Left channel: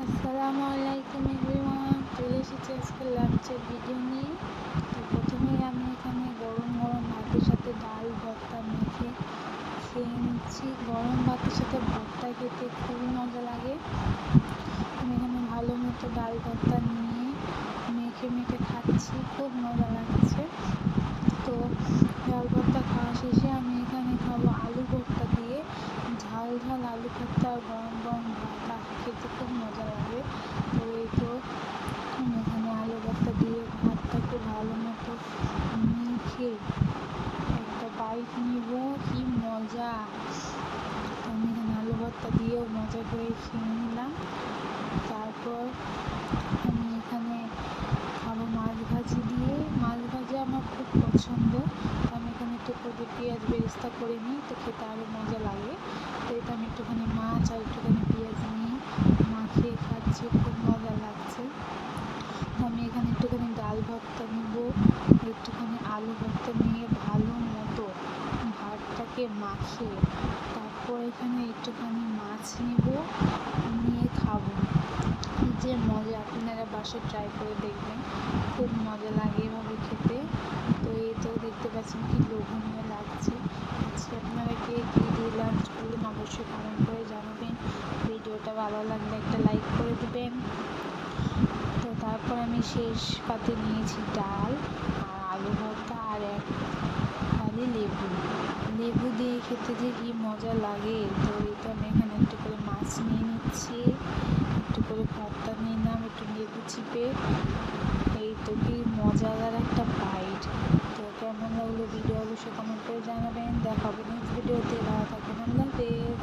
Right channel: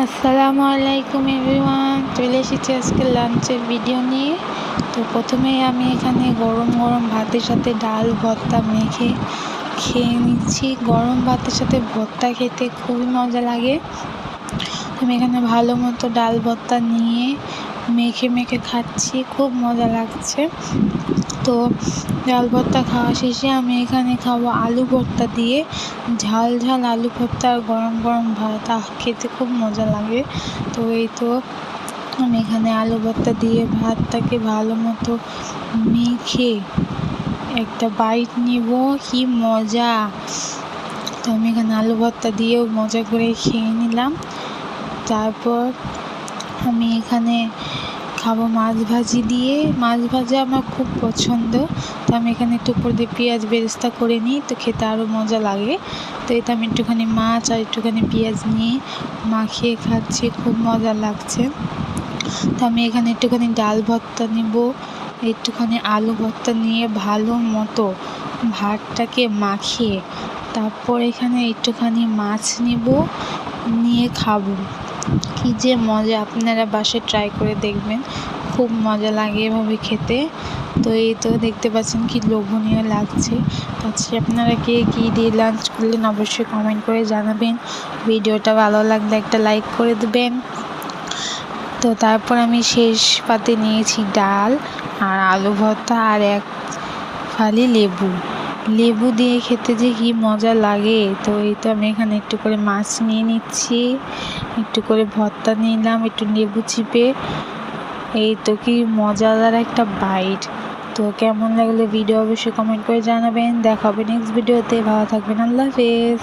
আসসালামু আলাইকুম এভরিওয়ান, চলে এসেছি আজকে লাঞ্চের ভিডিও নিয়ে। তো প্রথমেই আমি এখানে গরম গরম ভাতের সাথে ডাল ভর্তা মেখে খেয়ে নিচ্ছি। গরম ভাতের সাথে ভর্তা খেতে খুবই মজা লাগে। আমি এখানে ভালো মতো ডাল ভর্তা নিয়ে মেখে মেখে খাচ্ছি, খুব মজা লাগছে। তো ডাল ভর্তা খাওয়া শেষে আমি এখানে খাবো আলু ভর্তা দিয়ে। ঝাল ঝাল আলু ভর্তা আর গরম গরম ভাত, খেতে খুব মজা লাগে। তো এই তো আমি এখানে আলু ভর্তা দিয়ে ভাতটাকে ভালো মতো মেখে একটা বাইট নিব, কি মজা। তো আমি এখানে আলু ভর্তা দিয়েও মজা করে খেয়ে নিলাম। তারপর আমি এখানে খাবো মাছ ভাজি দিয়ে। মাছ ভাজা আমার খুব পছন্দ, তো আমি এখানে একটু উপর দিয়ে পেঁয়াজ বেরেস্তা করে নিই, তো খেতে আরও মজা লাগে। তো এতে আমি একটুখানি মাছ আর একটুখানি পেঁয়াজ নিয়ে মাখিয়ে খাচ্ছি, খুব মজা লাগছে। তো আমি এখানে একটুখানি ডাল ভর্তা নিব, একটুখানি আলু ভর্তা নিয়ে ভালো মতো ভাতটাকে মাখিয়ে তারপর এখানে একটুখানি মাছ নিব, নিয়ে খাবো। কি যে মজা, আপনারা বাসায় ট্রাই করে দেখবেন, খুব মজা লাগে এভাবে খেতে। তো এই তো দেখতে পাচ্ছেন কি লোভনীয় লাগছে। আজকে আপনারা কে কী দিয়ে লাঞ্চ করলেন অবশ্যই কমেন্ট করে জানাবেন। ভিডিওটা ভালো লাগলে একটা লাইক করে দেবেন। তো তারপর আমি শেষ পাতে নিয়েছি ডাল আর আলু ভর্তা আর এক ফালি লেবু দিয়ে খেতে যে কি মজা লাগে। তো এই তো আমি এখানে একটু করে মাছ নিয়ে নিচ্ছি, একটু করে ভর্তা নিলাম, একটু লেবু চিপে। এই তো কি মজাদার একটা বাইট। তো কেমন লাগলো ভিডিও অবশ্যই কমেন্ট করে জানাবেন। দেখা হবে নেক্সট ভিডিওতে। ভালো থাকবেন, আল্লাহ হাফেজ।